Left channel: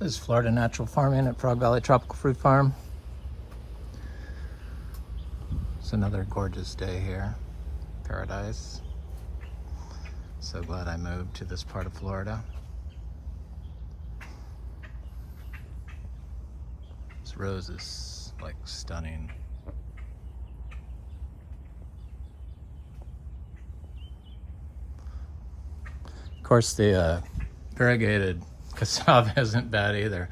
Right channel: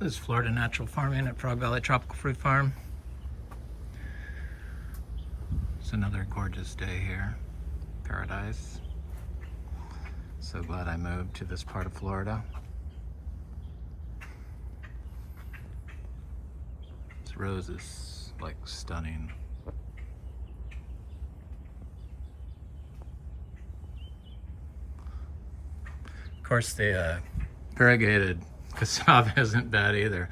This is Florida Natural Farming at Frog Valley Tropical Fruit Farm. It's another gorgeous day here. Paradise. So glad I moved to this part of Florida. This rose is like stunning. Of course, the variegated cassava isn't bad either.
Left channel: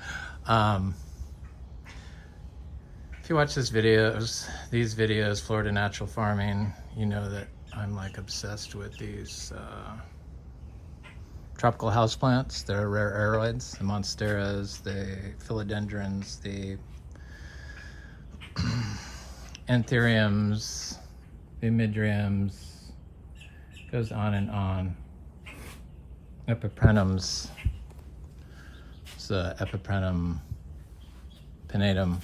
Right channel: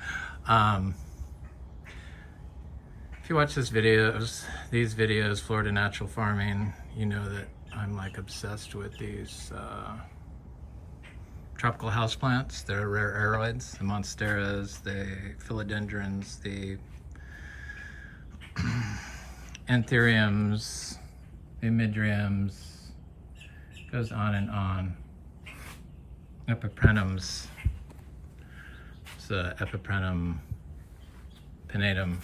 If you watch these videos, Florida Natural Farming, you know that I'm like obsessed with these tropical houseplants. They're rare aroids, the monsteras, the philodendrons, the anthuriums, the midriums, goes on and on. Epiprenums. It's the Epiprenum pinnatum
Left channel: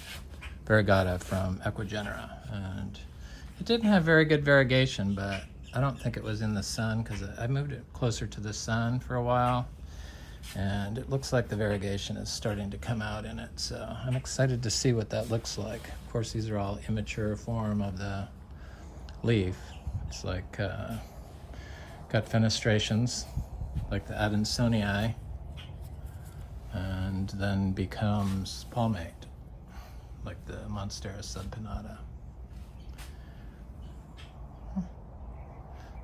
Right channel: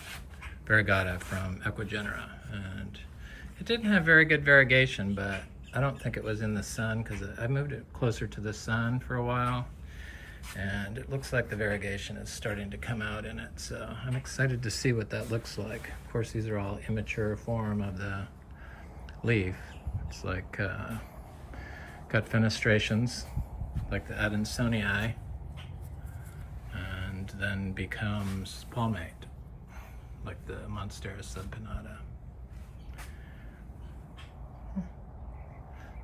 variegata from Equigenera, and it didn't have very good variegation, but I don't think it was in the sun because I moved it closer to the sun for a while, and it looks like the variegation is starting to come out in it, so I'm excited to see what that looks like. Of course, these are all immature form of the leaf. It's like got fenestrations like the Adansonii, and then becomes palmate like the Monstera subpinnata.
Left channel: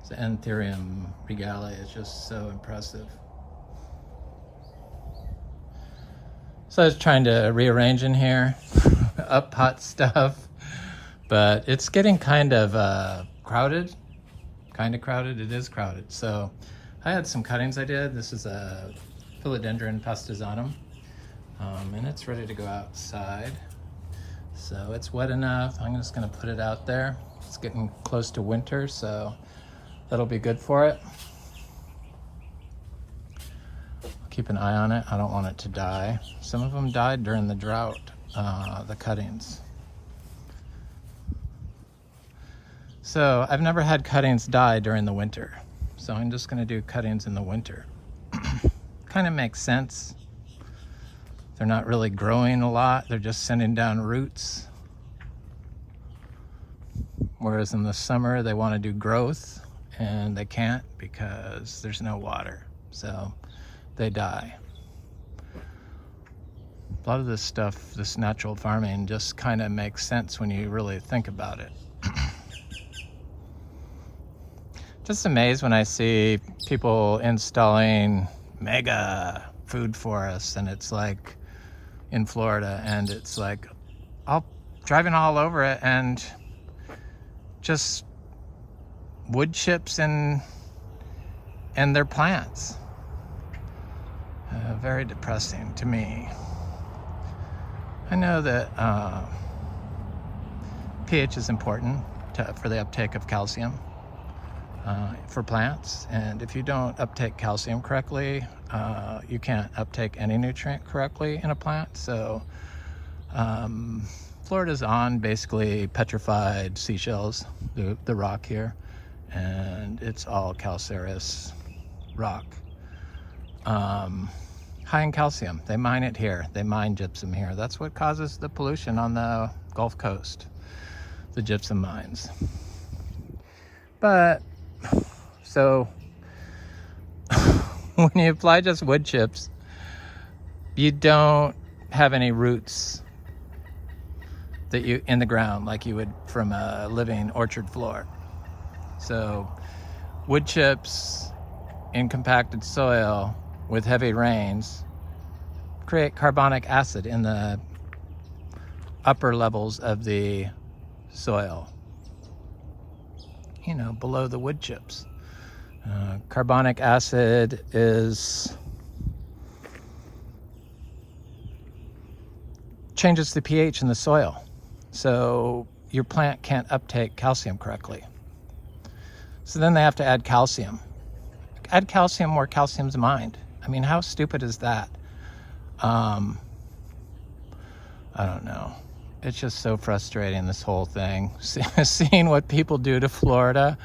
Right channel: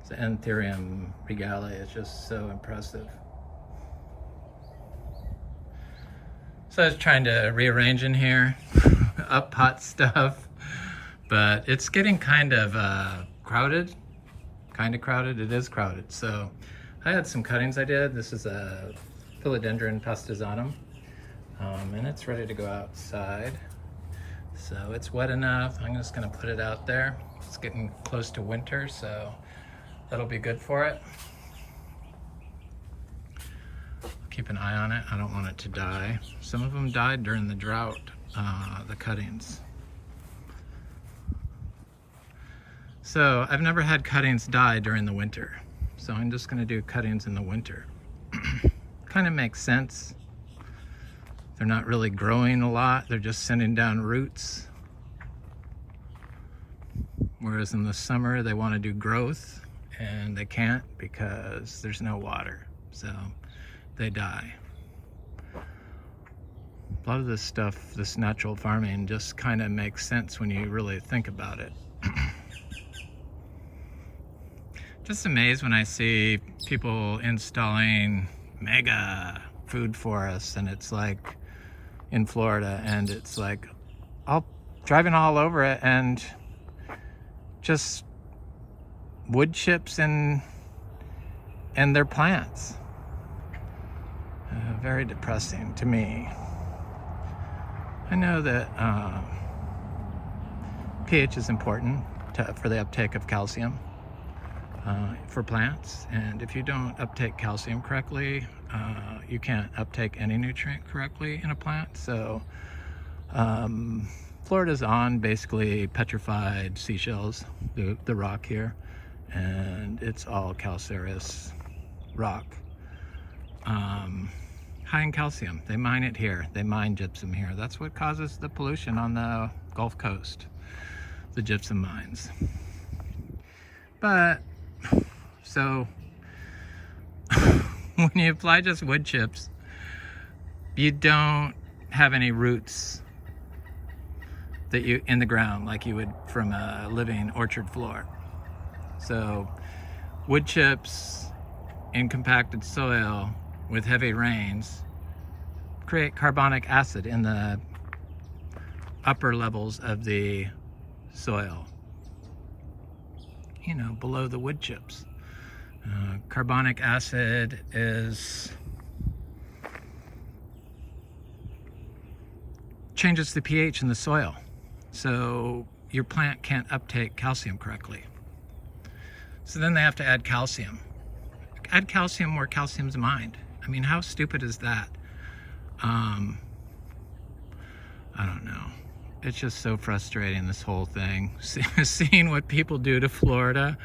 The Anthurium regale is just so impressive. So I was trying to rearrange in here, up hot stuff, but it's getting kind of crowded. It is crowded. So I had some cuttings I did. This is a Philodendron Pastazanum, and it's ready to go outside. So it's wet enough. I'm just gonna put it out there. It's getting close to winter, so that'll be good for it. Keep an eye on it. I don't want it to die. Some of them died during the drought, the cuttings. So I've never had cuttings die during the winter. So I'm just gonna do cuttings in the winter. Kind of makes sense. They're not really growing a lot. They're just sending down roots. Whereas in the summer, they want to do growth and they can't because there's no water. So they die. A lot of this stuff, this natural farming, just kind of makes sense when you really think about it. Just amazed when I see people installing mega food forests, and it's like in Florida, and it's like driving all over it and just wood chips and their plants. Very depressing to me. I know that pH is important for the uptake of calcium for plants, and if you don't uptake calcium correctly, you can't uptake any nutrient correctly in a plant. So Florida's on basically petrified seashells, the rock here, and it's all calcareous rock. High in calcium. They mine it here. They mine gypsum here. That's what causes the pollution on the Gulf Coast, the gypsum mines. But so when you apply just wood chips, you don't have any roots that you in the ground like you would from a living orchard floor. So wood chips in compacted soil with heavy rains create carbonic acid in the upper levels of the soil, you know, below the wood chips. Carbonic acid changes the pH in the soil, so your plant can't uptake calcium correctly. So then they have to add calcium. Add calcium where calcium's mined. I mean, how stupid is that? I don't know. It's just so frustrating, this whole thing. Seeing what people do to Florida,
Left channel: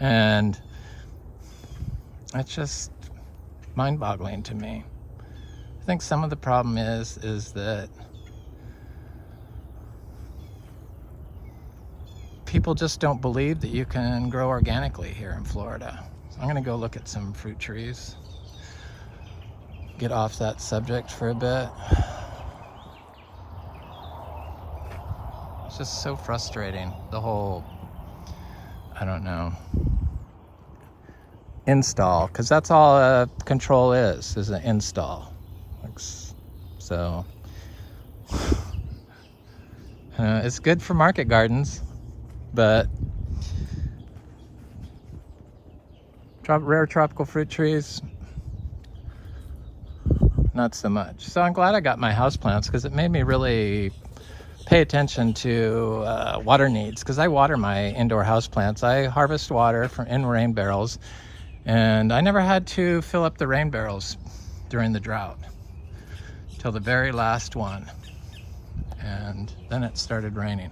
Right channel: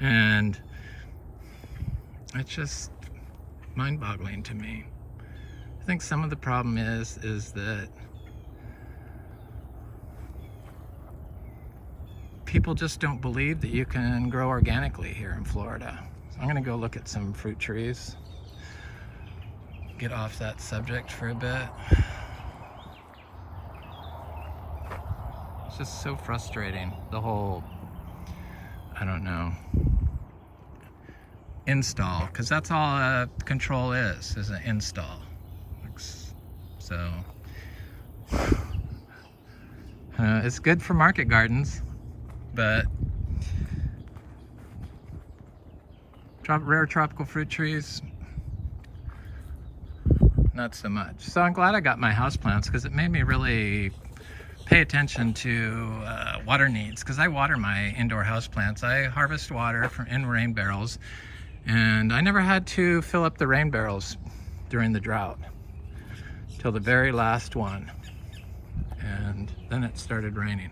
and it's just mind-boggling to me. I think some of the problem is that people just don't believe that you can grow organically here in Florida. So I'm gonna go look at some fruit trees. Get off that subject for a bit. It's just so frustrating, the whole, I don't know, install, because that's all a control is an install. So it's good for market gardens, but rare tropical fruit trees, not so much. So I'm glad I got my houseplants, because it made me really pay attention to water needs, because I water my indoor houseplants. I harvest water in rain barrels, and I never had to fill up the rain barrels during the drought till the very last one, and then it started raining.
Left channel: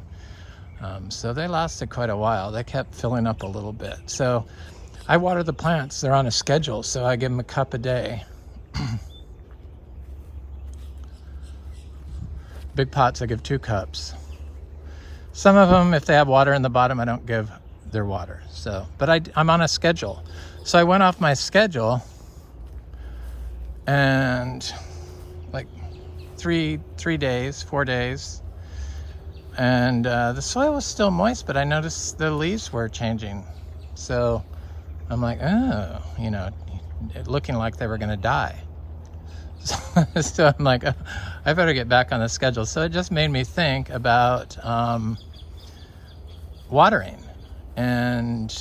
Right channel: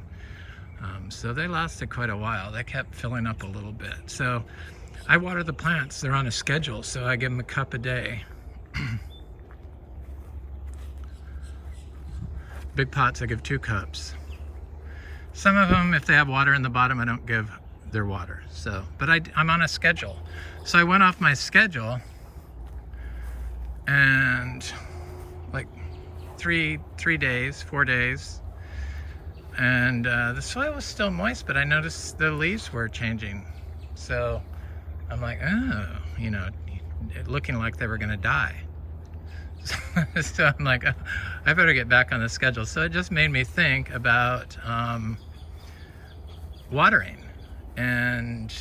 So they lasted quite a while. They kept filling up a little bit. So I water the plants. They're on a schedule, so I give them a cup a day. Big pots, I give 2 cups. Some of them, if they have water in the bottom, I don't give their water. So, but I'm on a schedule. So I went off my schedule, and like 4 days, and the soil was still moist, but I noticed the leaves were changing. So I'm like, oh, you know, looking like they were gonna die. So I'm like, oh, I better get back on the schedule. So it just made me think about watering and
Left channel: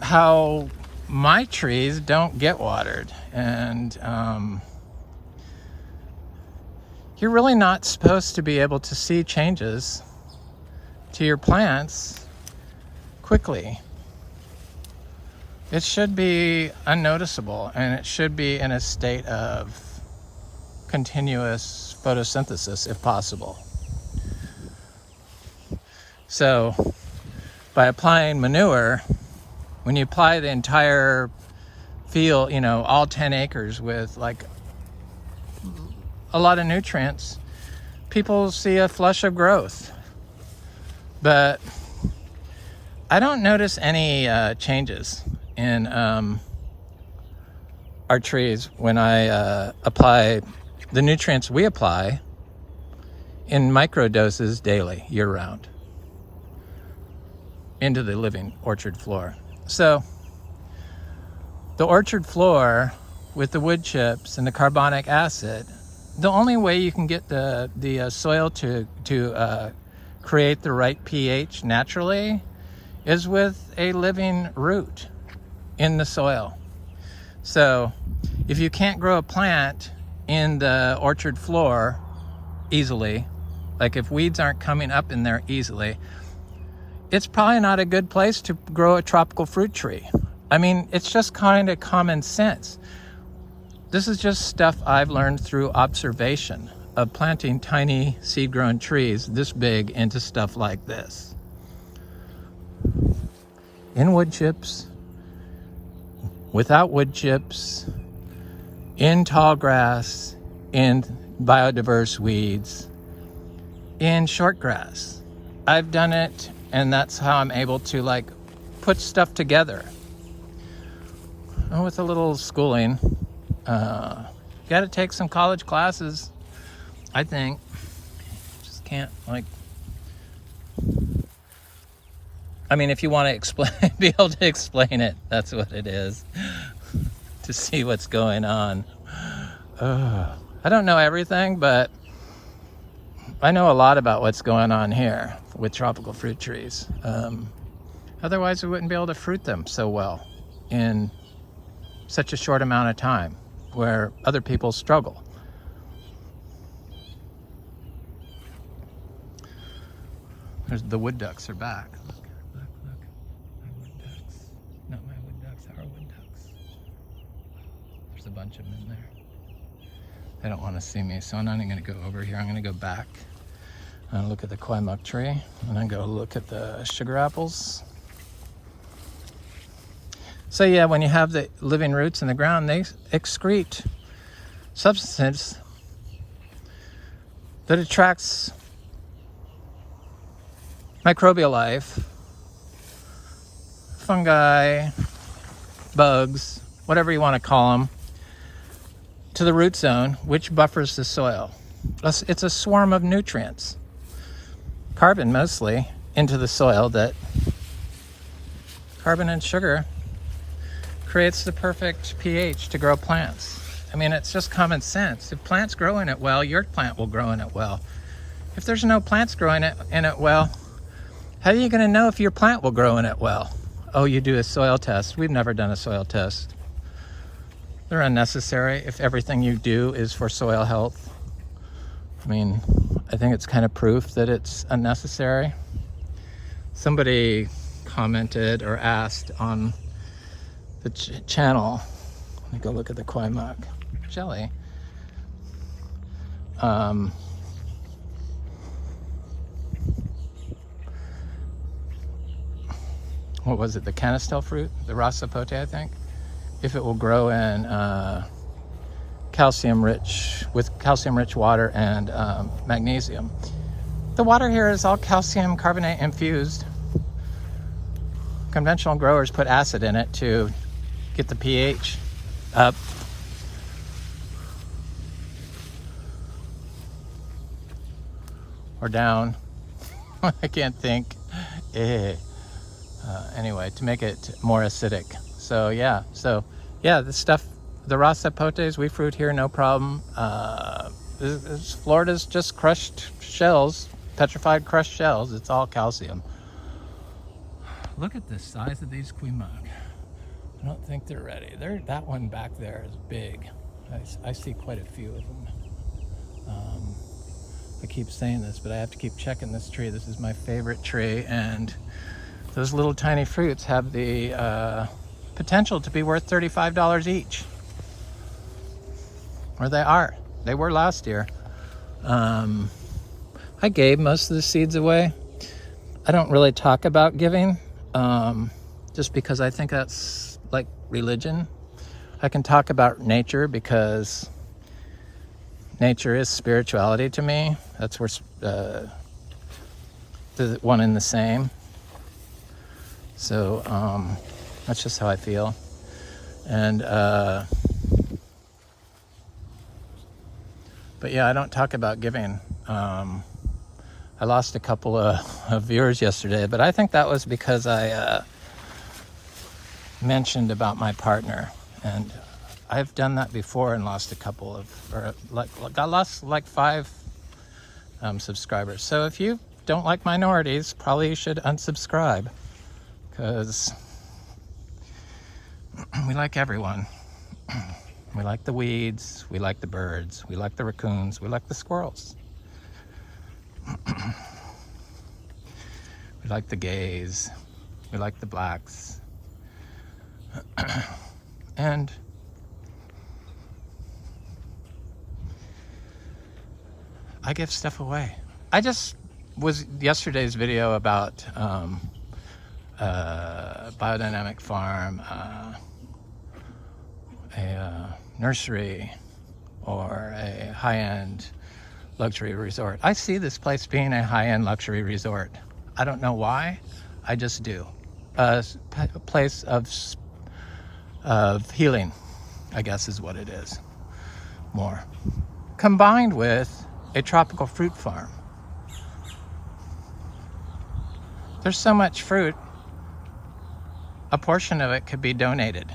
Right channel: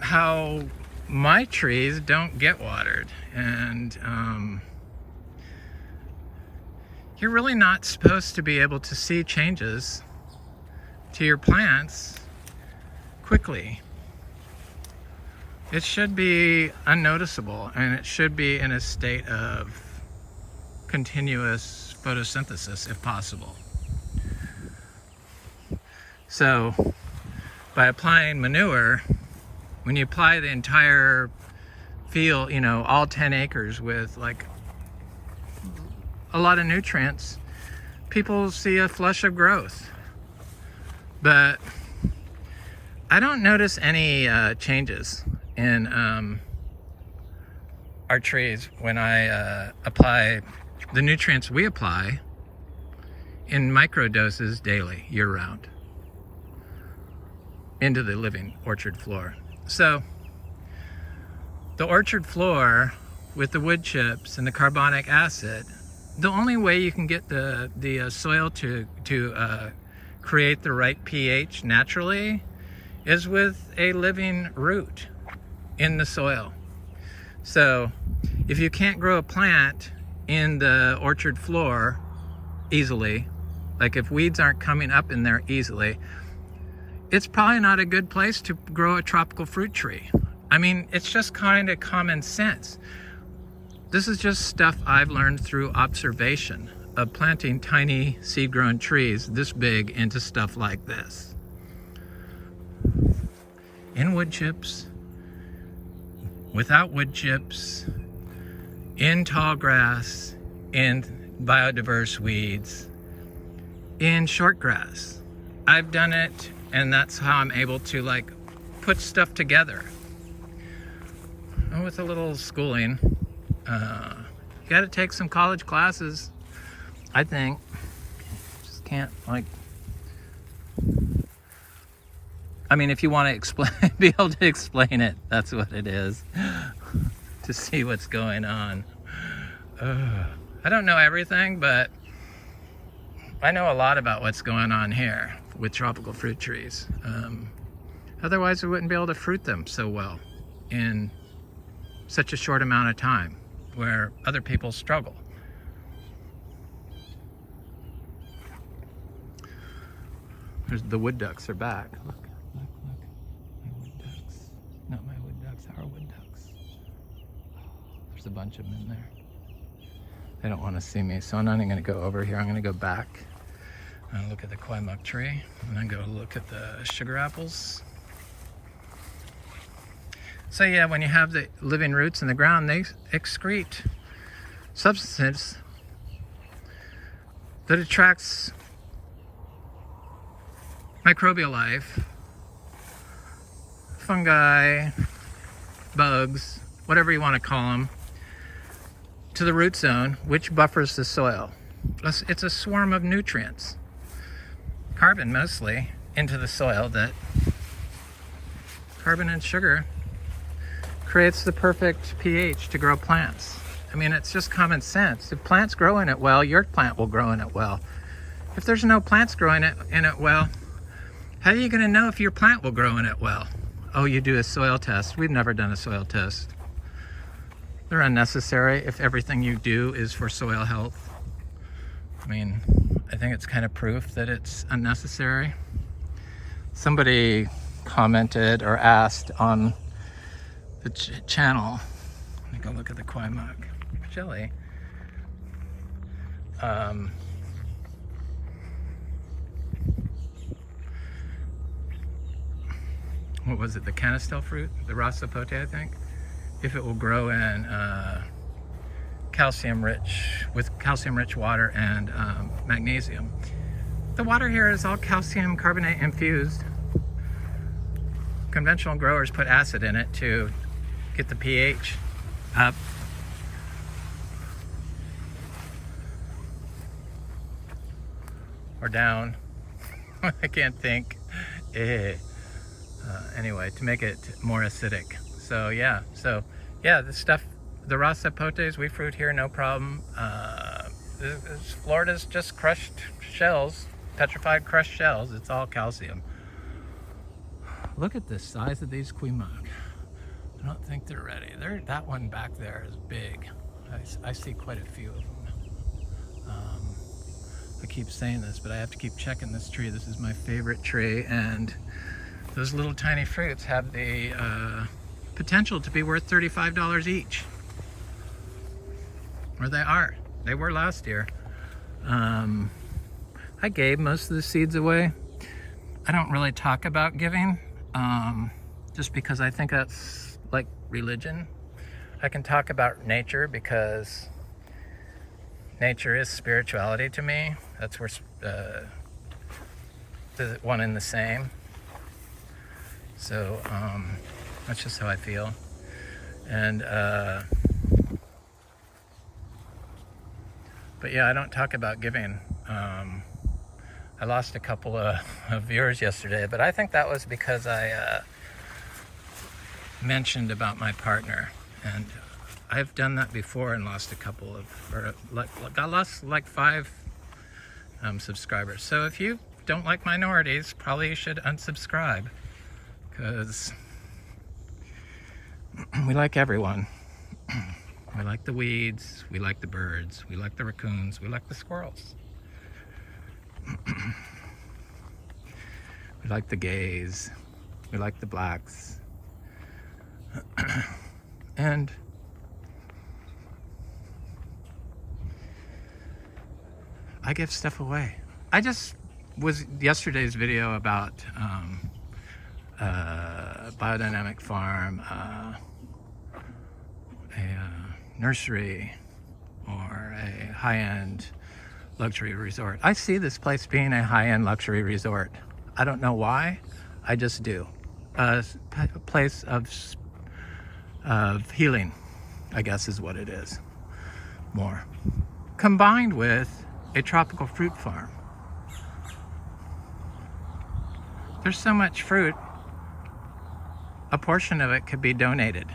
how my trees don't get watered. And you're really not supposed to be able to see changes to your plants quickly. It should be unnoticeable, and it should be in a state of continuous photosynthesis if possible. So by applying manure, when you apply the entire field, you know, all 10 acres with like a lot of nutrients, people see a flush of growth. But I don't notice any changes in our trees when I apply the nutrients we apply in micro doses daily, year-round, into the living orchard floor. So the orchard floor with the wood chips and the carbonic acid, the only way you can get the soil to create the right pH naturally is with a living root in the soil. So if you can't grow a plant in the orchard floor easily, like if weeds aren't coming up in there easily, it's probably not a good place to grow a tropical fruit tree. I mean, it's just kind of common sense. This is just stuff I've learned through observation of planting tiny seed-grown trees this big into stuff like this. In wood chips, without wood chips, in tall grass, in biodiverse weeds, in short grass. I've done it, and that's how I'm able to like put stuff together. And with a little schooling, you gotta take some college classes, I think. Just can't like, I mean, if you want to explain, be able to explain it, that's what it is. To see what's going on. I don't know everything, but I know a lot about what's going on here with tropical fruit trees. Otherwise, we wouldn't be able to fruit them so well in such a short amount of time, where other people struggle. The wood ducks are back. Look. My wood ducks. Not my wood ducks, our wood ducks. There's a bunch of them in there. They don't want to see me, so I'm not even going to go over here. I'm going to go back and look at the Kwai Muk tree, and then go look at the sugar apples. So yeah, when you have the living roots in the ground, they excrete substances that attracts microbial life, fungi, bugs, whatever you want to call them, to the root zone, which buffers the soil. It's a swarm of nutrients, carbon mostly, into the soil. That carbon and sugar creates the perfect pH to grow plants. I mean, it's just common sense. If plants grow in it well, your plant will grow in it well. If there's no plants growing in it well, how are you going to know if your plant will grow in it well? Oh, you do a soil test. We've never done a soil test. They're unnecessary if everything you do is for soil health. I mean, I think it's kind of proof that it's unnecessary. Somebody commented or asked on the channel, let me go look at the Kwai Muk jelly. What was it, the canistel fruit, the rasapote, I think, if it will grow in calcium-rich water and magnesium. The water here is all calcium carbonate infused. Conventional growers put acid in it to get the pH up. Or down. I can't think. Anyway, to make it more acidic. So yeah, this stuff, the rasapotes we fruit here, no problem. Florida's just crushed shells, petrified crushed shells. It's all calcium. Look at the size of these Kwai Muk. I don't think they're ready. That one back there is big. I see quite a few of them. I keep saying this, but I have to keep checking this tree. This is my favorite tree, and those little tiny fruits have the potential to be worth $35 each. Or they are. They were last year. I gave most of the seeds away. I don't really talk about giving, just because I think that's like religion. I can talk about nature because nature is spirituality to me. That's where the one and the same. So that's just how I feel. And but yeah, I don't talk about giving. I lost a couple of viewers yesterday, but I think that was because I mentioned about my partner, and I've done that before and lost a couple of, or I lost like 5 subscribers. So if you don't like minorities, probably you should unsubscribe, because we like everyone. We like the weeds, we like the birds, we like the raccoons, we like the squirrels. We like the gays, we like the blacks. And I give stuff away. I just was yesterday's video about biodynamic farm, a nursery, or a high-end luxury resort. I see this place being a high-end luxury resort. I don't know why, I just do. A place of healing, I guess is what it is, more. Combined with a tropical fruit farm. There's so much fruit, a portion of it could be donated.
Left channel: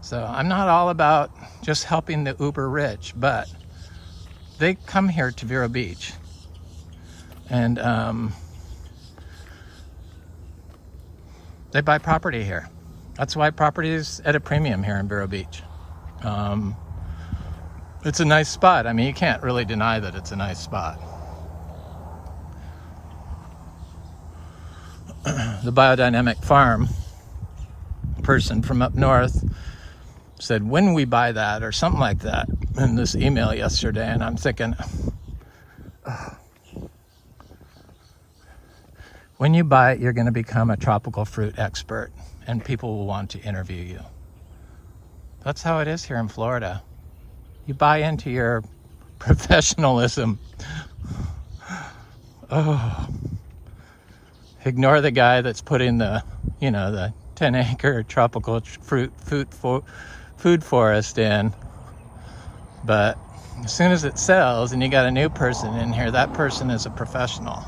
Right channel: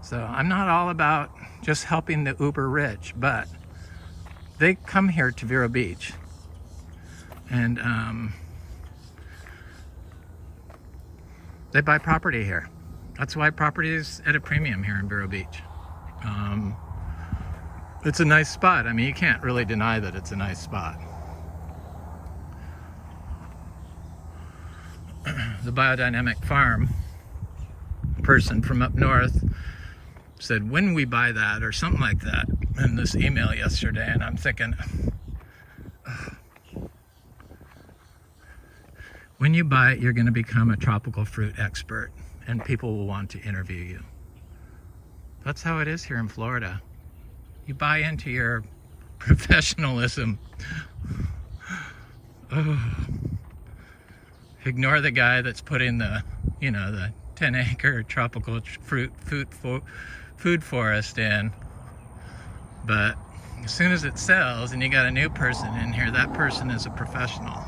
So I'm not all about just helping the uber rich, but they come here to Vero Beach, and they buy property here. That's why property is at a premium here in Vero Beach. It's a nice spot. I mean, you can't really deny that it's a nice spot. The biodynamic farm person from up north said, when we buy that, or something like that, in this email yesterday, and I'm thinking, oh, when you buy it, you're going to become a tropical fruit expert. and people will want to interview you. That's how it is here in Florida. You buy into your professionalism. Oh, ignore the guy that's putting the, you know, the 10-acre tropical food forest in. But as soon as it sells and you got a new person in here, that person is a professional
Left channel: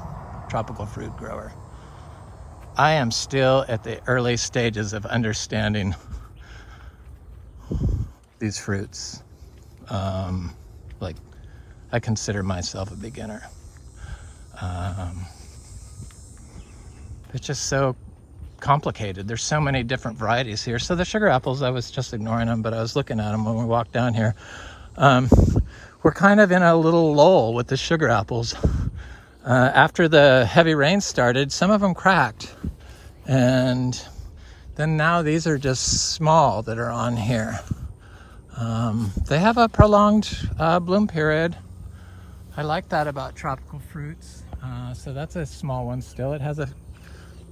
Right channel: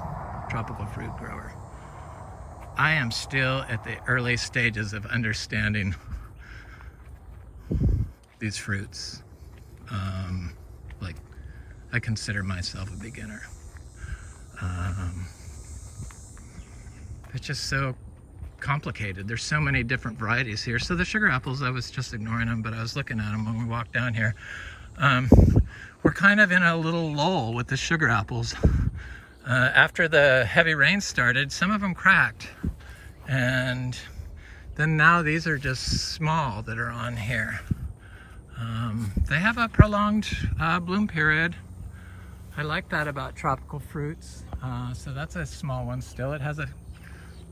tropical fruit grower. I am still at the early stages of understanding these fruits. Like, I consider myself a beginner. It's just so complicated. There's so many different varieties here. So the sugar apples, I was just ignoring them, but I was looking at them when we walked down here. We're kind of in a little lull with the sugar apples. After the heavy rain started, some of them cracked. And then now these are just small that are on here. They have a prolonged bloom period. I like that about tropical fruits. So that's a small one still. It has a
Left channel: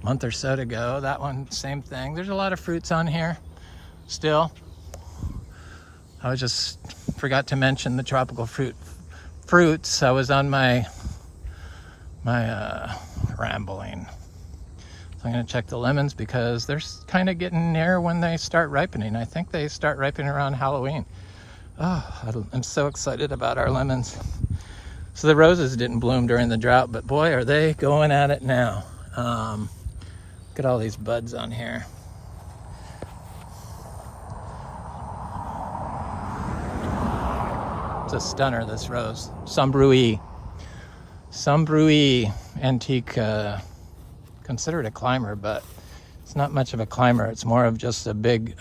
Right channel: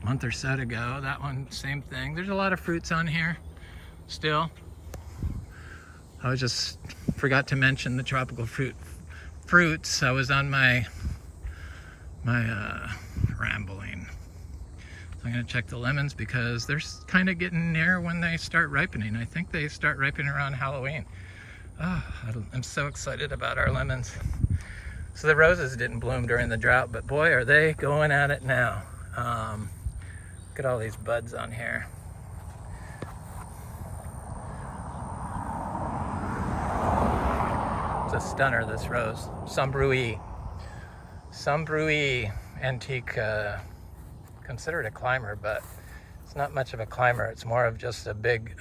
month or so to go. That one, same thing. There's a lot of fruits on here still. I was just forgot to mention the tropical fruits. I was on my rambling. So I'm going to check the lemons because they're kind of getting near when they start ripening. I think they start ripening around Halloween. Oh, I'm so excited about our lemons. So the roses didn't bloom during the drought, but boy, are they going at it now. Look at all these buds on here. It's a stunner, this rose. Sombrui antique, considered a climber, but it's not much of a climber. It's more of just a big,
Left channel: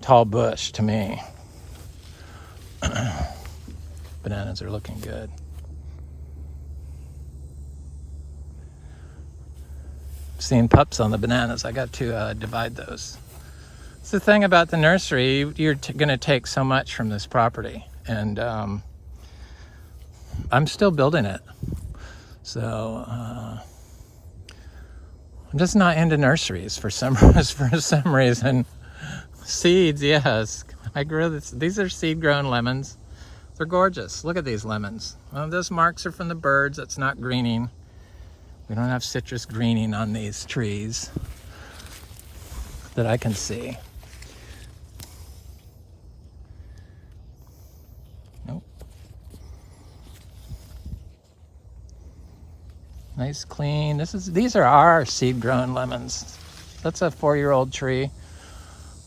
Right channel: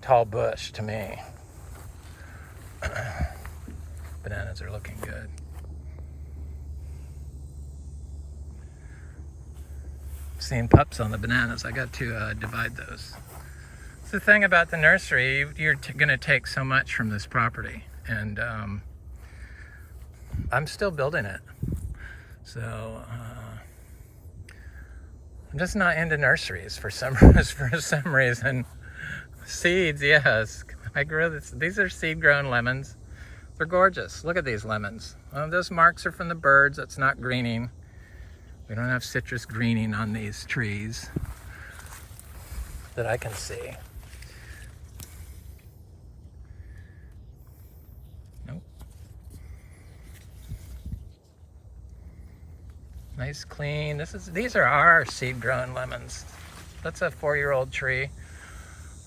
tall bush to me. Bananas are looking good. Seeing pups on the bananas. I got to divide those. It's the thing about the nursery, you're gonna take so much from this property, and I'm still building it. So I'm just not into nurseries for some reason. Seeds, yes. I grew this. These are seed-grown lemons. They're gorgeous. Look at these lemons. Well, those marks are from the birds. That's not greening. We don't have citrus greening on these trees that I can see. Nope. Nice, clean. These are our seed-grown lemons. That's a 4-year-old tree.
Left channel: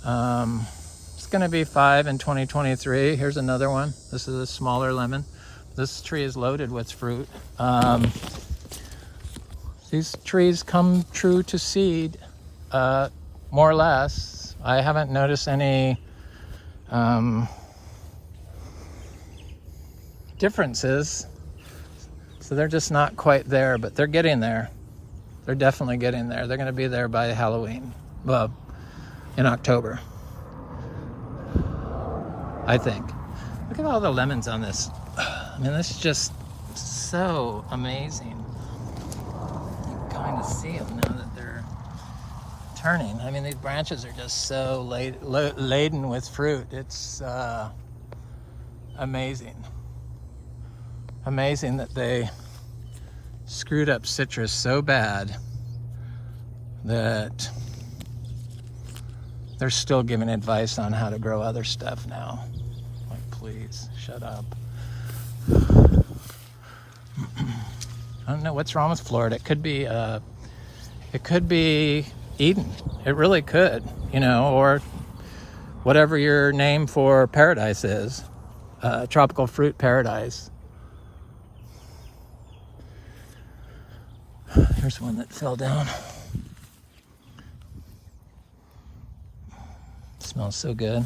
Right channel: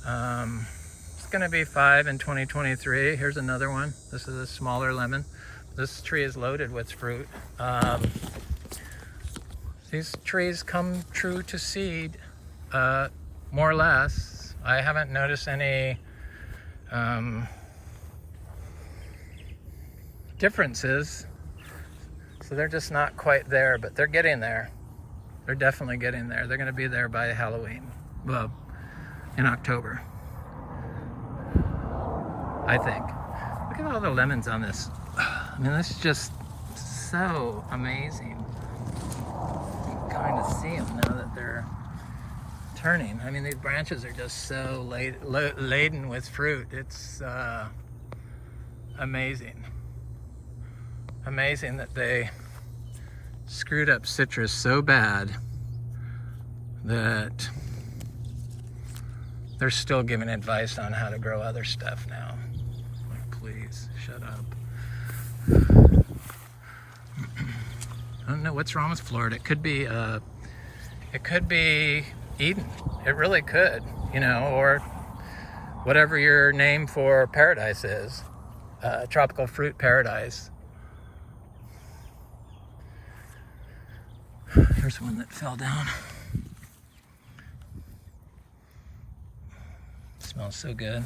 It's gonna be 5 in 2023. Here's another one. This is a smaller lemon. This tree is loaded with fruit. These trees come true to seed, more or less. I haven't noticed any differences. So they're just not quite there, but they're getting there. They're definitely getting there. They're gonna be there by Halloween, well, in October, I think. Look at all the lemons on this. I mean, this is just so amazing. You can kind of see them now that they're turning. I mean, these branches are just so laden with fruit. It's amazing. Amazing that they screwed up citrus so bad that they're still giving advice on how to grow other stuff now. Like, please, shut up. I don't know what's wrong with Florida. It could be Eden. It really could, you know, or whatever your name for paradise is. Tropical fruit paradise. Here's one that fell down. Smells so good.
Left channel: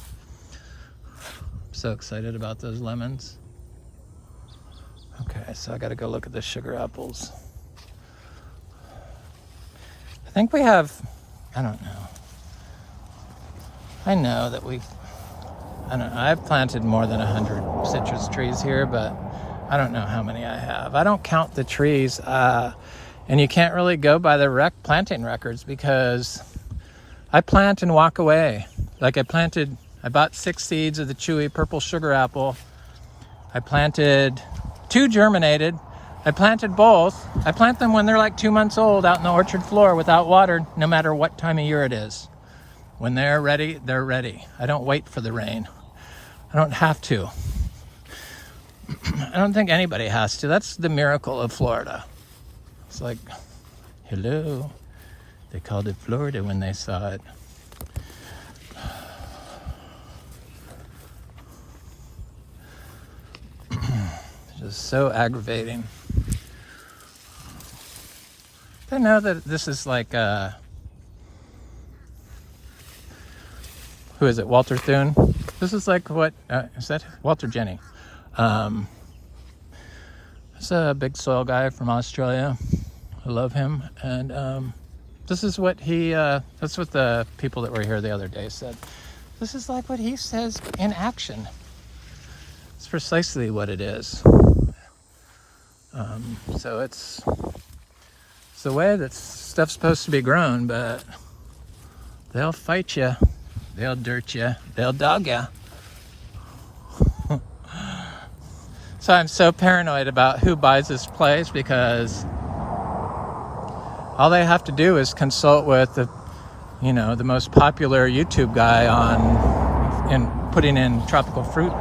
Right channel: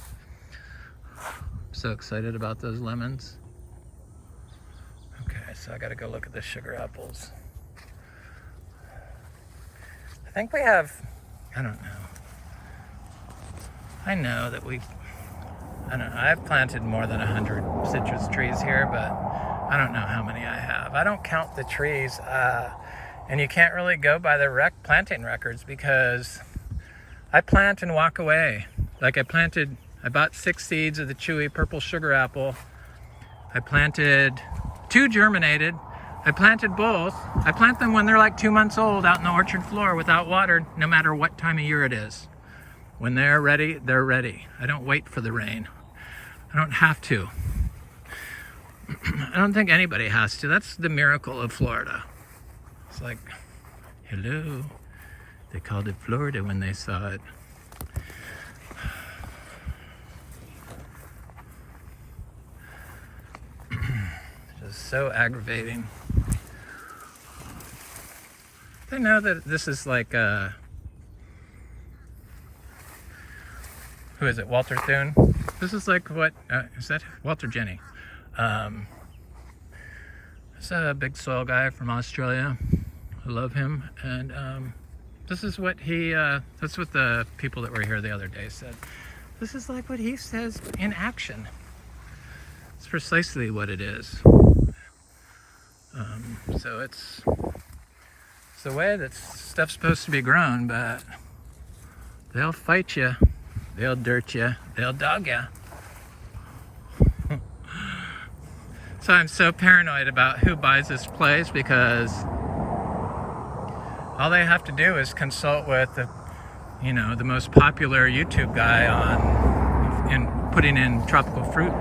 I'm so excited about those lemons. Okay, so I gotta go look at the sugar apples. I think we have, I don't know. I know that I've planted more than 100 citrus trees here, but I don't know how many I have. I don't count the trees. And you can't really go by the planting records, because I plant and walk away. Like I bought 6 seeds of the chewy purple sugar apple. I planted 2 germinated. I planted both. I plant them when they're like 2 months old out in the orchard floor without water, no matter what time of year it is. When they're ready, they're ready. I don't wait for the rain. I don't have to. I don't think anybody has to. That's the miracle of Florida. It's like, hello. They called it Florida when they saw it. Just so aggravating. I know that this is like, who is it, Walter Thune? This is like what, is that Walter Jenny? It's a big soil guy from Australia. I love him. And this is what he, that's what the people that were here the other day said. This is like what he says in action. It's precisely what it is. So it's the way that stuff's supposed to be grown, but they'll fight you, they'll dirt you, they'll dog you. So I'm so paranoid about who buys this place, because all they have to do is consult with the most popular YouTube guy in putting in tropical fruit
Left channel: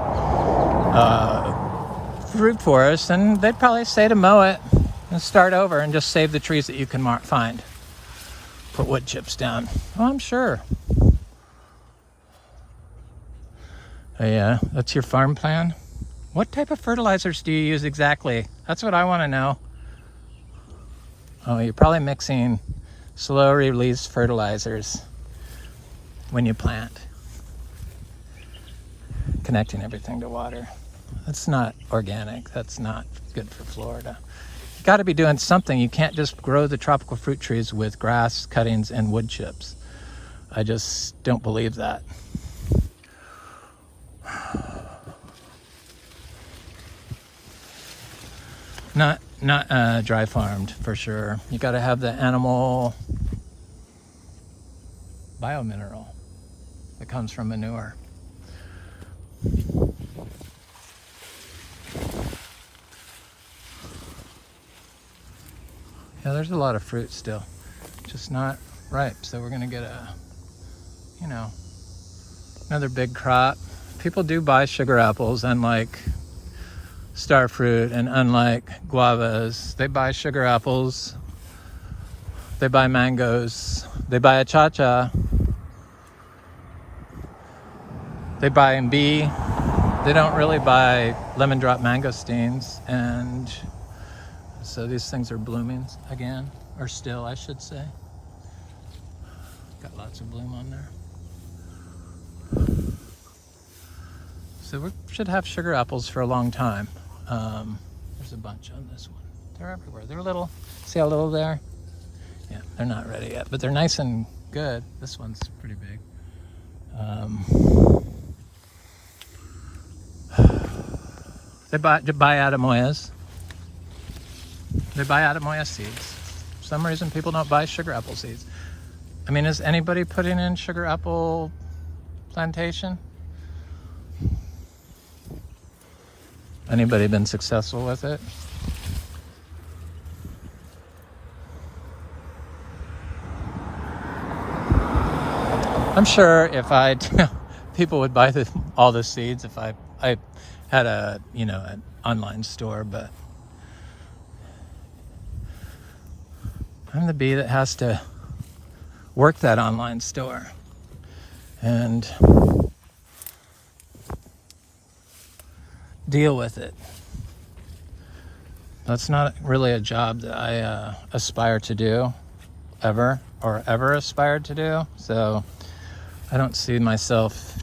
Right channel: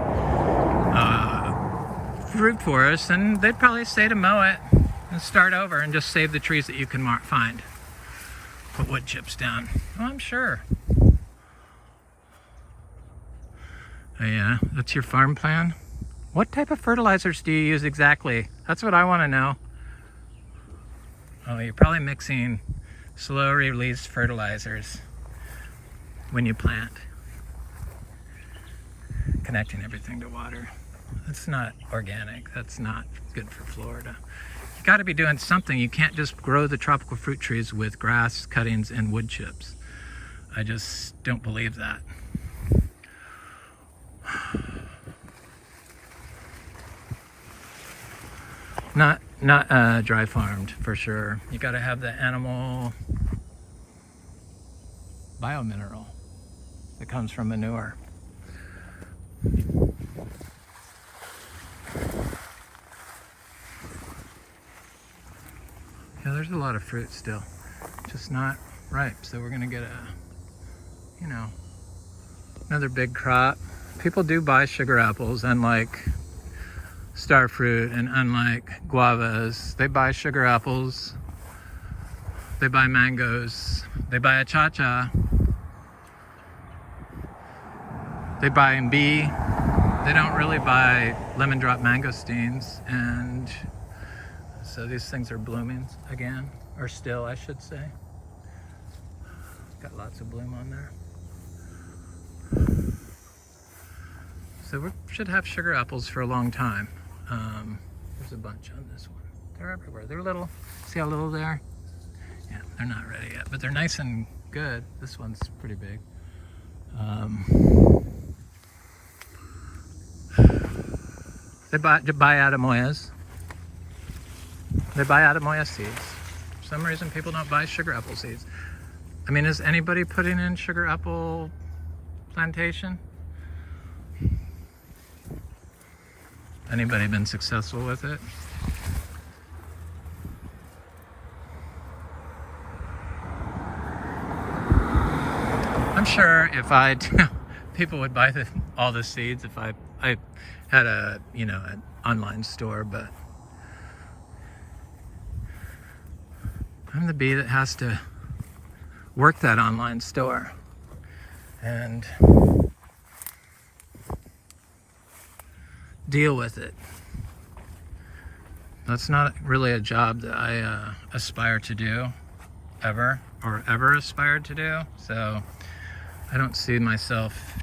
forests, and they'd probably say to mow it and start over and just save the trees that you can find. Put wood chips down. Oh, I'm sure. Oh, yeah, that's your farm plan? What type of fertilizers do you use exactly? That's what I want to know. Oh, you're probably mixing slow release fertilizers when you plant. Connecting everything to water. That's not organic. That's not good for Florida. You got to be doing something. You can't just grow the tropical fruit trees with grass cuttings and wood chips. I just don't believe that. Not dry farmed for sure. You got to have the animal biomineral that comes from manure. Yeah, there's a lot of fruit still, just not ripe. So we're gonna get another big crop. People do buy sugar apples, unlike star fruit and unlike guavas. They buy sugar apples, they buy mangoes, they buy achacha, they buy MB. They don't really buy lemon drop mangosteens, and so these things are blooming again, or still, I should say. Got lots of bloom on there. So we should have sugar apples for a long time. There's a bunch on this one. They're everywhere. They're little. See how little they are? Yeah, they're not ready yet, but they're nice and good. This one's pretty big. They buy Adamoyas. They buy Adamoya seeds. For some reason, people don't buy sugar apple seeds. I mean, is anybody putting in sugar apple plantation? Anybody been successful with it? I'm sure if people would buy all the seeds if I had an online store, but I'm the bee that has to work that online store and deal with it. That's not really a job that I aspire to do ever aspired to do. So I don't see myself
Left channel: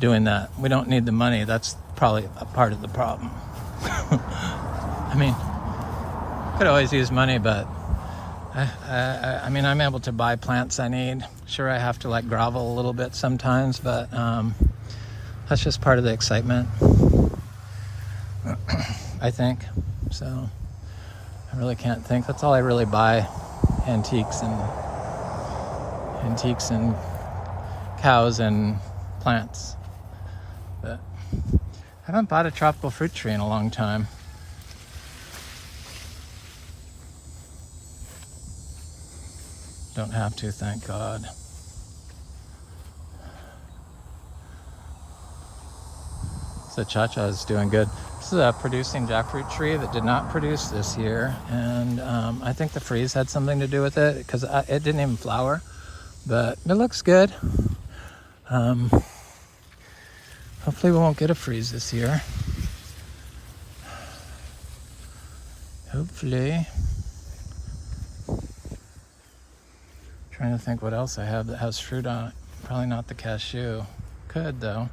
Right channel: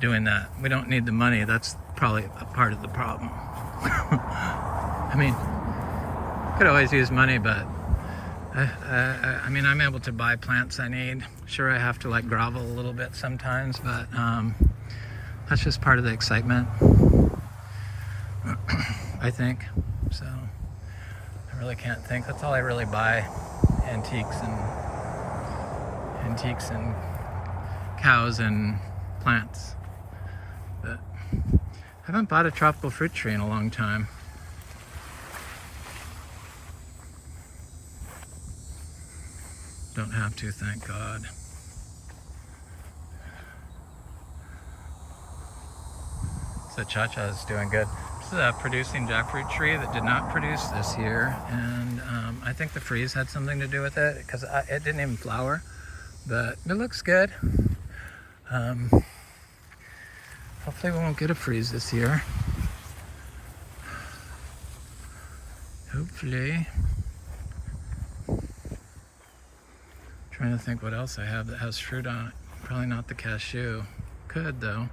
doing that. We don't need the money. That's probably a part of the problem. I mean, could always use money, but I mean, I'm able to buy plants I need. Sure, I have to like grovel a little bit sometimes, but that's just part of the excitement, I think. So I really can't think. That's all I really buy, antiques and cows and plants. But I haven't bought a tropical fruit tree in a long time. Don't have to, thank God. So Cha-Cha is doing good. This is a producing jackfruit tree that did not produce this year, and I think the freeze had something to do with it because it didn't even flower, but it looks good. Hopefully we won't get a freeze this year. Hopefully. Trying to think what else I have that has fruit on it. Probably not the cashew. Could though.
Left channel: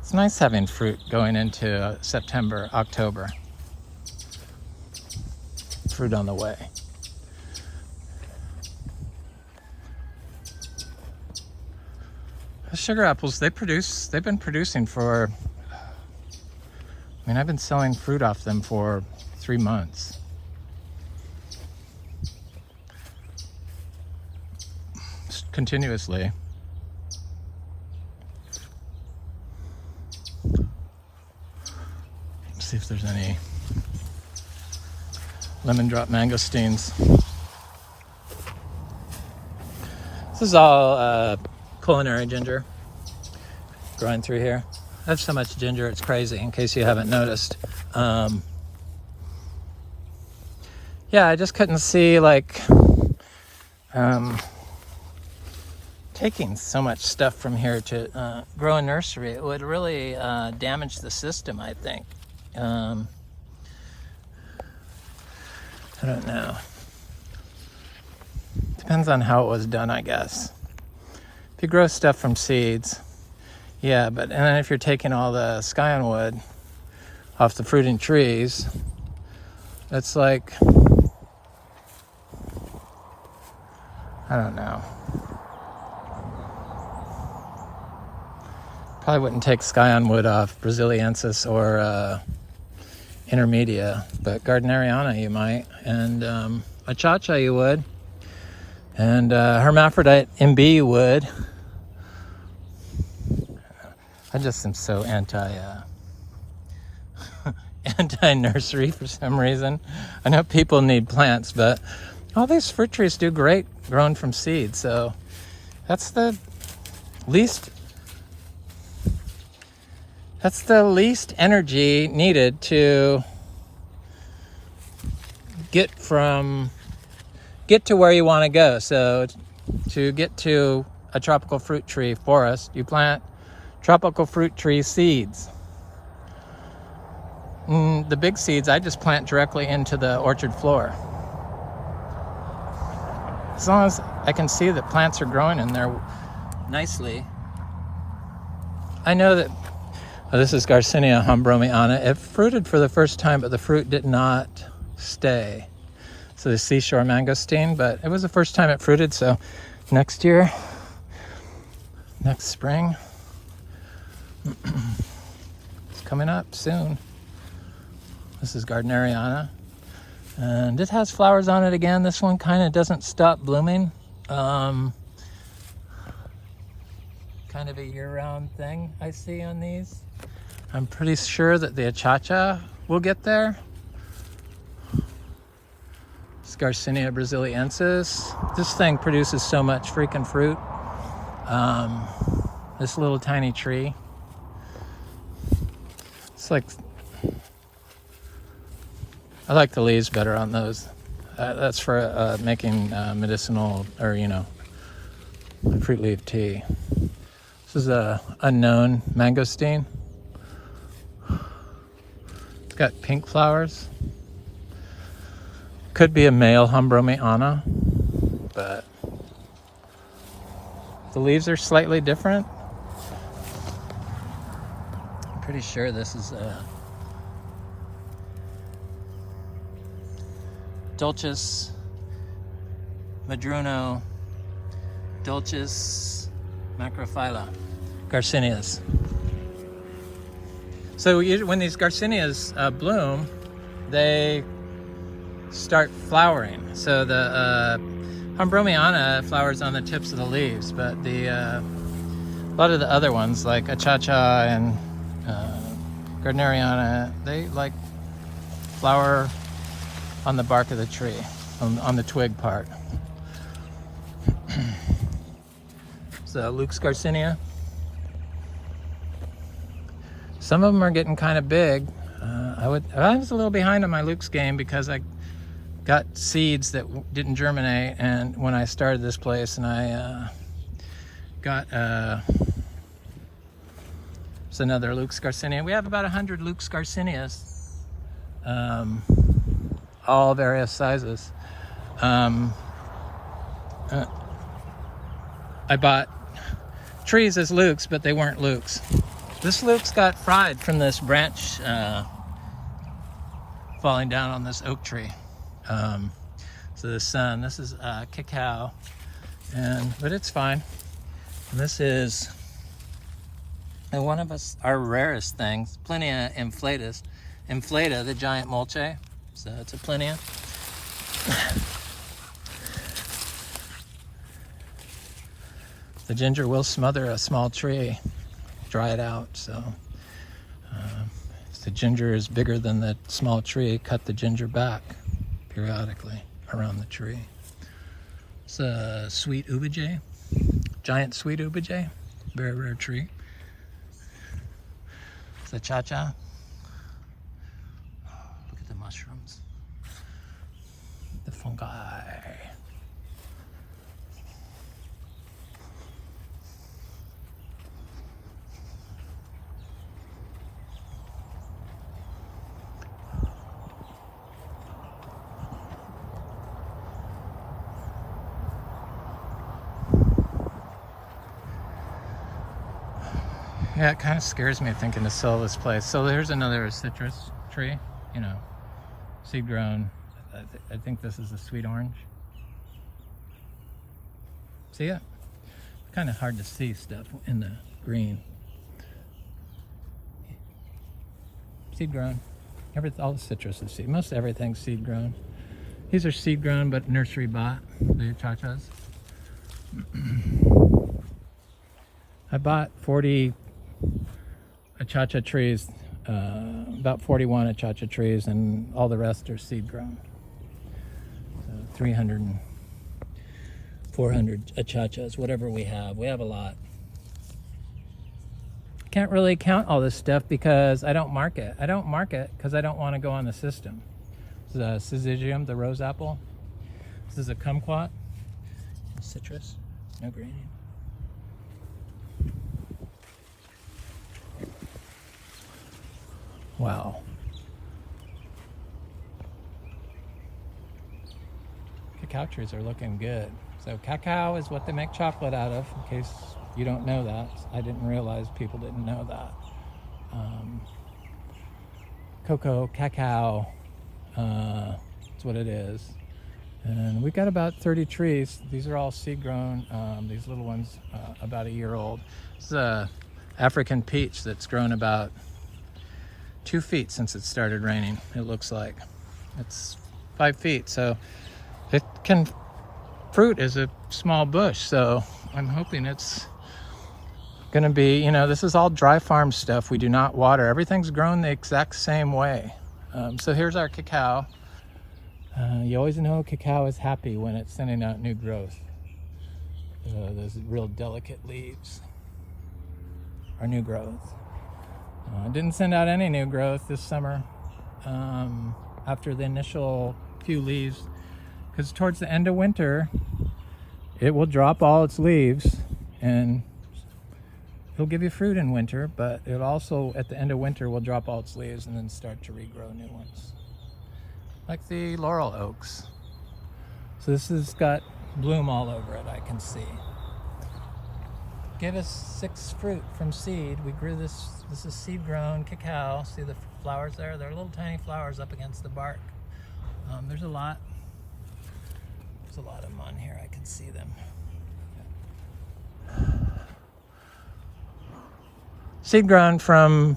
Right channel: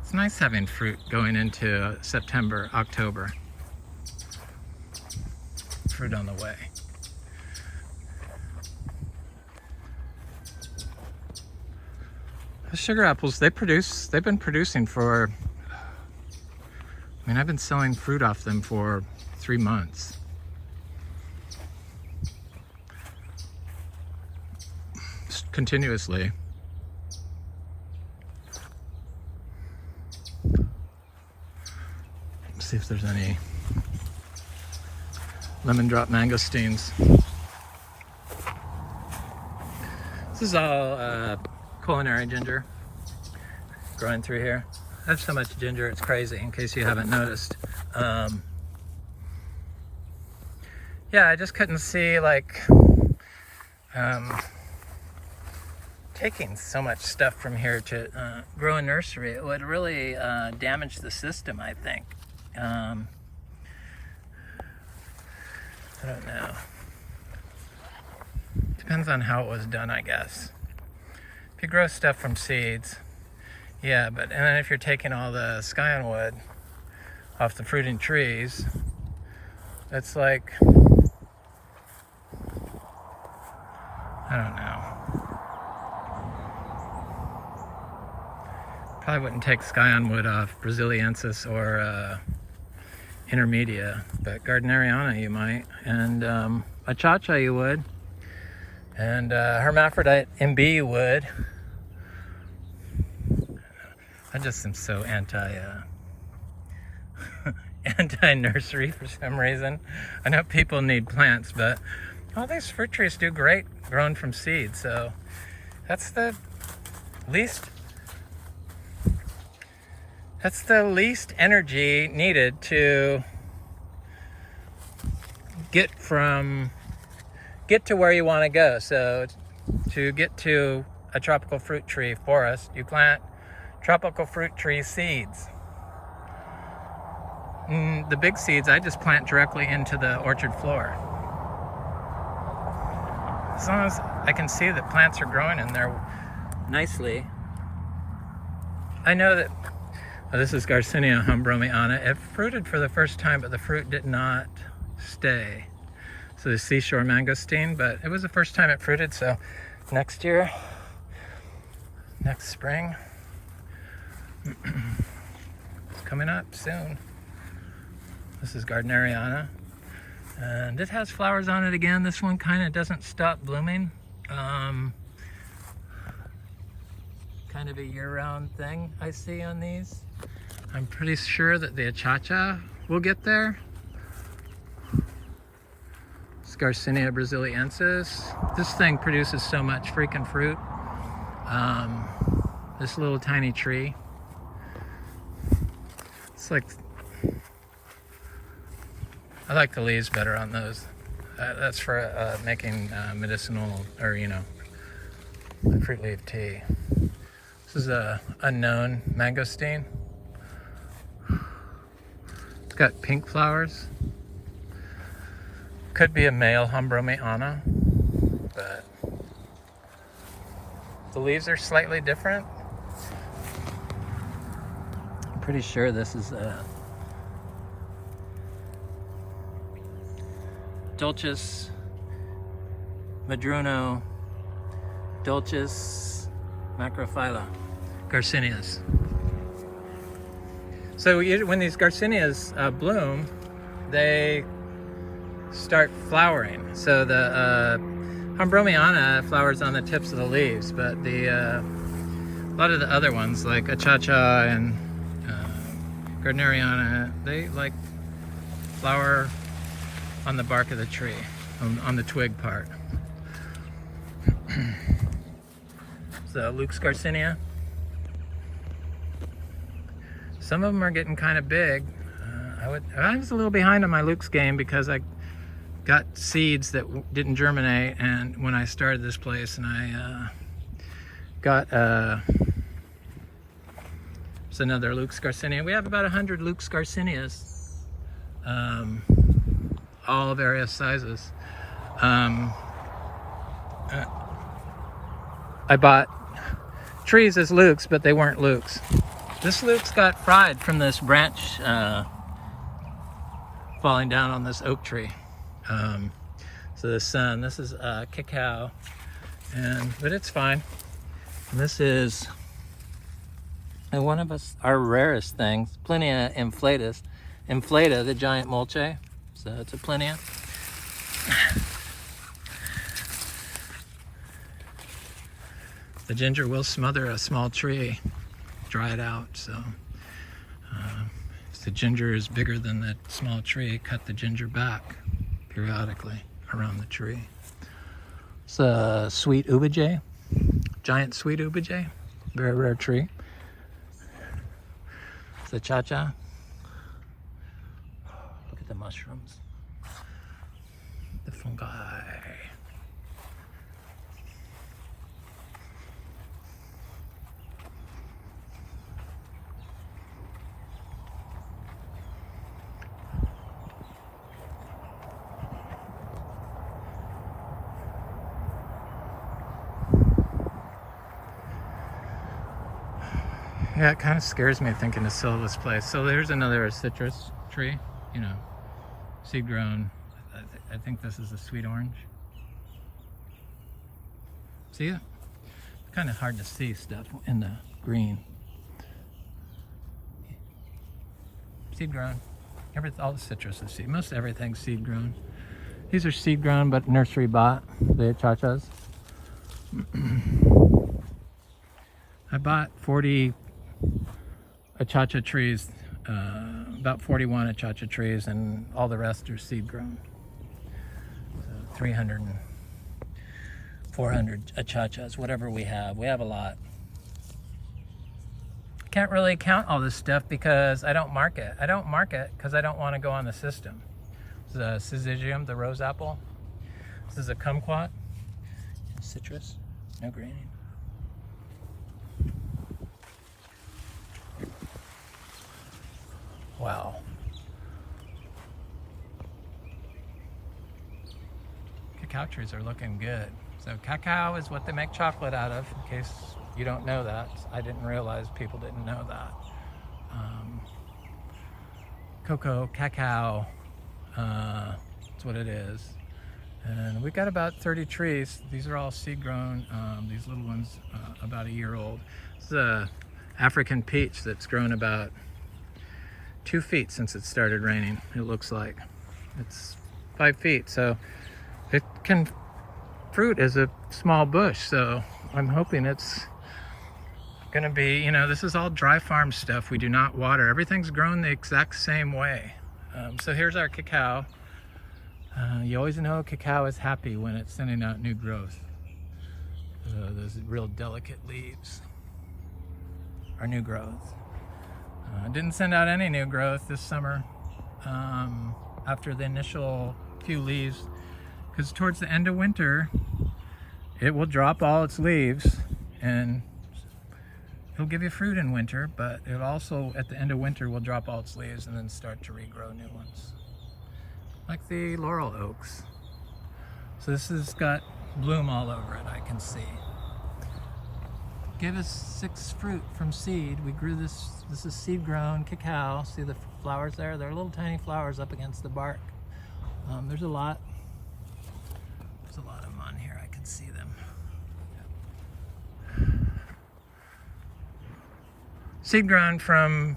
It's nice having fruit going into September, October. Fruit on the way. Sugar apples, they've been producing for, I mean, I've been selling fruit off them for 3 months. Continuously. Let's see if there's any lemon drop mangosteens. This is all culinary ginger growing through here. I have so much ginger, it's crazy, in case you haven't noticed. Yeah, I just couldn't see like taking so much stuff from here to grow a nursery. It would really damage the system, I think. I don't know. Depends on how it was done, I guess. If you grow stuff from seeds, yeah, but and then if you're taking all the scionwood off the fruiting trees, it's like, I don't know. Probably wouldn't take scionwood off Braziliensis or intermedia, but Gardneriana you might, and a Cha-Cha you would, and Hermaphrodite MB you would. I just am so anti-nursery for some reason. I know people need plants, but all these fruit trees do great grown from seed, so that's the least energy needed to get to where you want to go. So to get to a tropical fruit tree forest, you plant tropical fruit tree seeds. The big seeds I just plant directly into the orchard floor. As long as I can see that plants are growing in there nicely. I know that this is Garcinia humbromiana. It fruited for the first time, but the fruit did not stay. So the seashore mangosteen, but it was the first time it fruited, so next year, next spring, it's coming up soon. This is Gardneriana, and it has flowers on it again. This one kind of doesn't stop blooming. Kind of a year-round thing I see on these. I'm pretty sure that the Cha-Cha will get there. It's Garcinia Braziliensis. This thing produces so much freaking fruit. This little tiny tree. It's like, I like the leaves better on those. That's for making medicinal, or fruit leaf tea. This is a unknown mangosteen. It's got pink flowers. Could be a male humbromiana, but the leaves are slightly different. I'm pretty sure this is a Dulcis Madruno Dulcis macrophylla, Garcinias. So when these Garcinias bloom, they start flowering. So the Ambromiana flowers on the tips of the leaves, but a lot of the other ones like Achacha and Gardneriana, they like flower on the bark of the tree, on the twig part. So Luke's Garcinia. Some of them are getting kind of big. I was a little behind on my Luke's game because I got seeds that didn't germinate, and when I started this place, and I got it's another Luke's Garcinia. We have about 100 Luke's Garcinias, all various sizes. I bought trees as Luke's, but they weren't Luke's. This Luke's got fried from this branch falling down on this oak tree. So the sun, this is cacao, but it's fine. And this is one of our rarest things, Plinia inflata, the giant mulche. So it's a Plinia. The ginger will smother a small tree, dry it out. So if the ginger is bigger than the small tree, cut the ginger back periodically around the tree. It's a sweet ubijay, giant sweet ubijay, very rare tree. It's a cha-cha. Look at the mushrooms, the fungi. Yeah, it kind of scares me thinking to sell this place. So here's another citrus tree, seed grown. I think this is a sweet orange. See it? It's kind of hard to see stuff in the green. Seed grown. All the citrus is seed. Most everything's seed grown. These are seed grown but nursery bought, the achachas. I bought 40 achacha trees, about 41 achacha trees, and all the rest are seed grown. So 300 and 400 achachas, whatever we have. We have a lot. Can't really count all this stuff because I don't mark it. I don't mark it because I don't want to go on the system. This is a syzygium, the rose apple. This is a kumquat, citrus, no greening. Wow. Cacao trees are looking good. So cacao is what they make chocolate out of, in case you don't know that. I didn't realize people didn't know that. Cocoa, cacao, that's what it is. And we got about 30 trees. These are all seed grown. These little ones, about a year old. This is a African peach that's grown about 2 feet since it started raining. It looks like it's 5 feet, so it can fruit as a small bush. So I'm hoping it's gonna be, this is all dry farm stuff. We do not water. Everything's grown the exact same way. So here's our cacao. You always know cacao is happy when it's sending out new growth. Those real delicate leaves are new growth. Didn't send out any new growth this summer after the initial few leaves, because towards the end of winter it will drop all its leaves and it'll give you fruit in winter, but it also at the end of winter will drop all its leaves and then start to regrow new ones, like the laurel oaks. So this has got bloom all over it, I can see. Gave us 6 fruit from seed. We grew this. This is seed grown cacao. See the flowers there? They're little tiny flowers up against the bark. There's a lot. There's a lot of them on here. I can see them. Seed grown from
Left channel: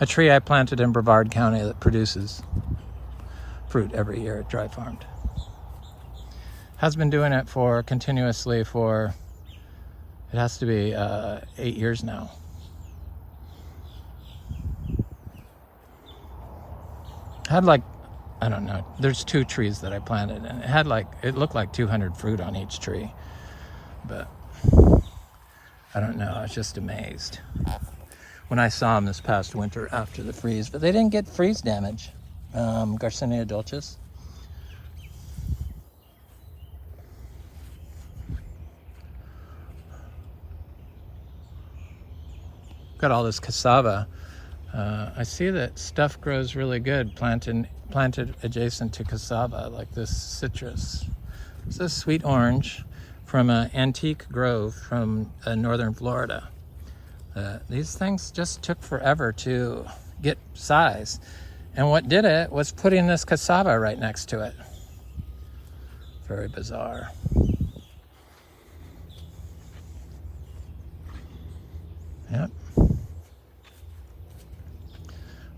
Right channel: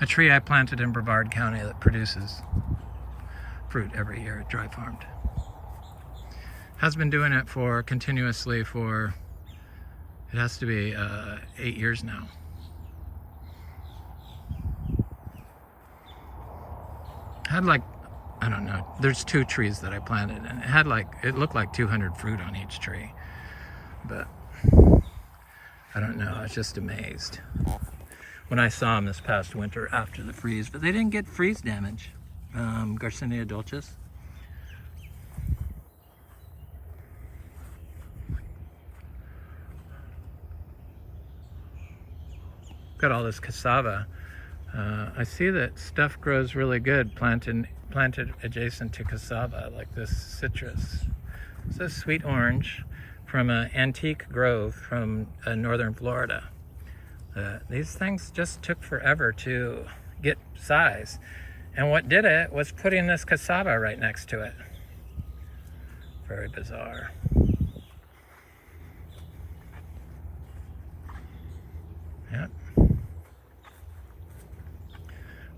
a tree I planted in Brevard County that produces fruit every year at Dry Farmed. Has been doing it continuously for, it has to be 8 years now. Had like, I don't know, there's 2 trees that I planted, and it looked like 200 fruit on each tree, but I don't know, I was just amazed when I saw them this past winter after the freeze, but they didn't get freeze damage. Garcinia dulcis. Got all this cassava. I see that stuff grows really good planted adjacent to cassava, like this citrus. This is sweet orange from an antique grove from northern Florida. These things just took forever to get size. And what did it was putting this cassava right next to it. Very bizarre. Yep.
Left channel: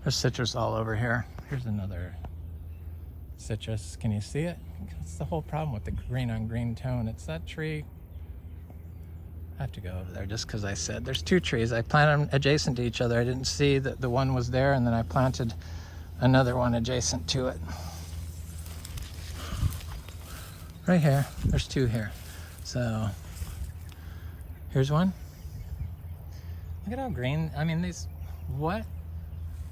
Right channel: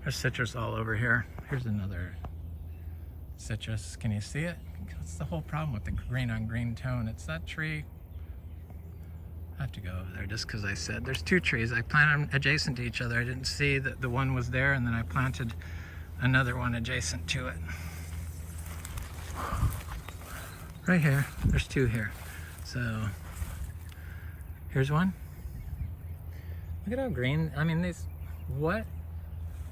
There's citrus all over here. Here's another citrus. Can you see it? That's the whole problem with the green on green tone. It's that tree. I have to go over there just because I said there's 2 trees. I planted them adjacent to each other. I didn't see that the one was there, and then I planted another one adjacent to it. Right here. There's 2 here. So here's one. Look at how green. I mean, these, what?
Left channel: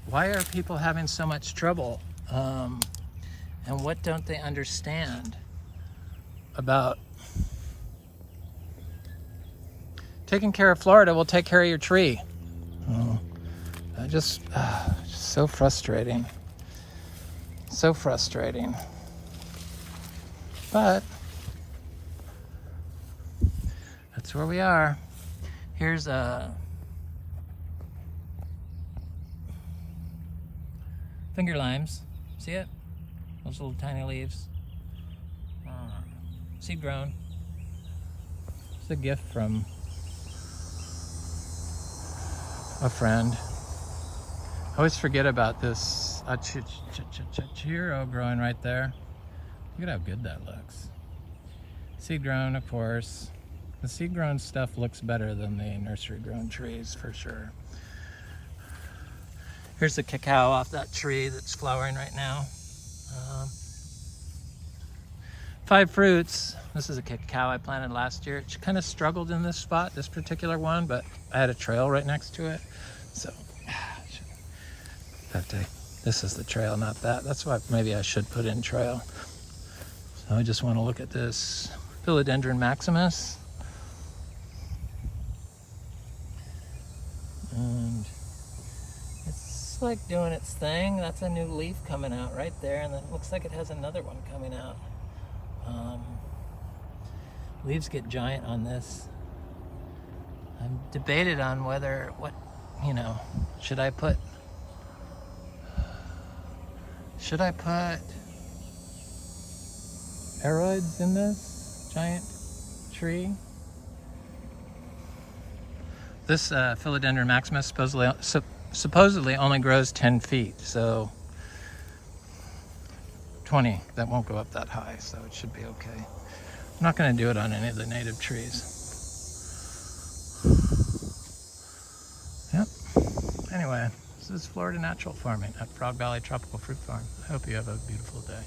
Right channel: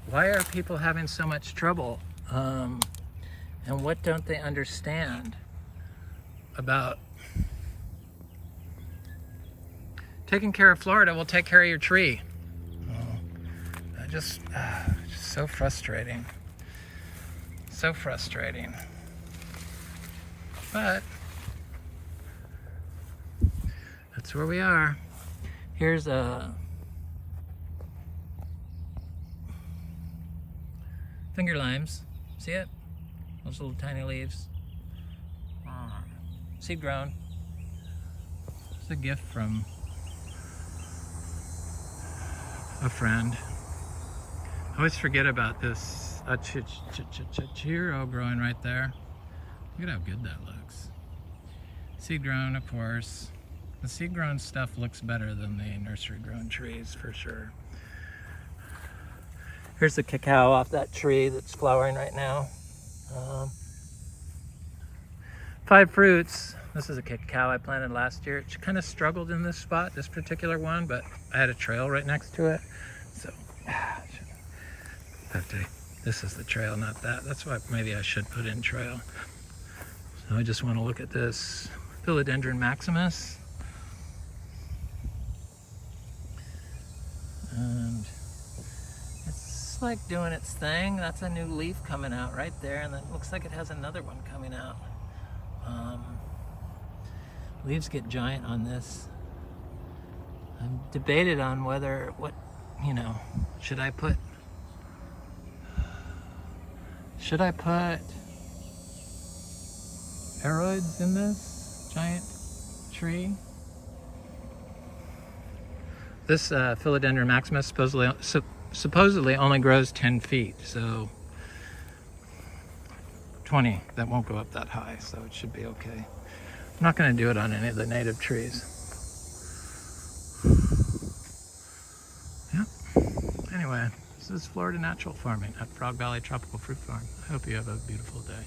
Why are people having so much trouble? And what don't they understand about taking care of Florida will take care of your tree? Just so frustrating. So frustrating. But that's where we are. Here's a finger limes. See it? Those little tiny leaves. Seed grown. It's a gift from a friend. I always forget about this chiro growing right there. Look at how good that looks. Seed grown, of course. The seed grown stuff looks better than the nursery grown trees for sure. Here's the cacao off that tree that's flowering right now. 5 fruits. This is a cacao I planted last year. It kind of struggled in this spot, this particular one, but I had a trail right next to it. So, this is the trail, not that. That's what maybe I should put in trail. I just want to look at this Philodendron maximus. And it's like doing its thing. That's a new leaf coming out right there, and then it looks like it has another one coming out. Leaves get giant on this. I'm debated on whether, should I put aroids in this giant tree? This Philodendron maximus supposedly only grows 10 feet, so 20, that won't go up that high, so it should be okay. I'm not going to do it on any of the native trees. Yep. Anyway, this is Florida Natural Farming at Frog Valley Tropical Fruit Farm. I hope you have a beautiful day.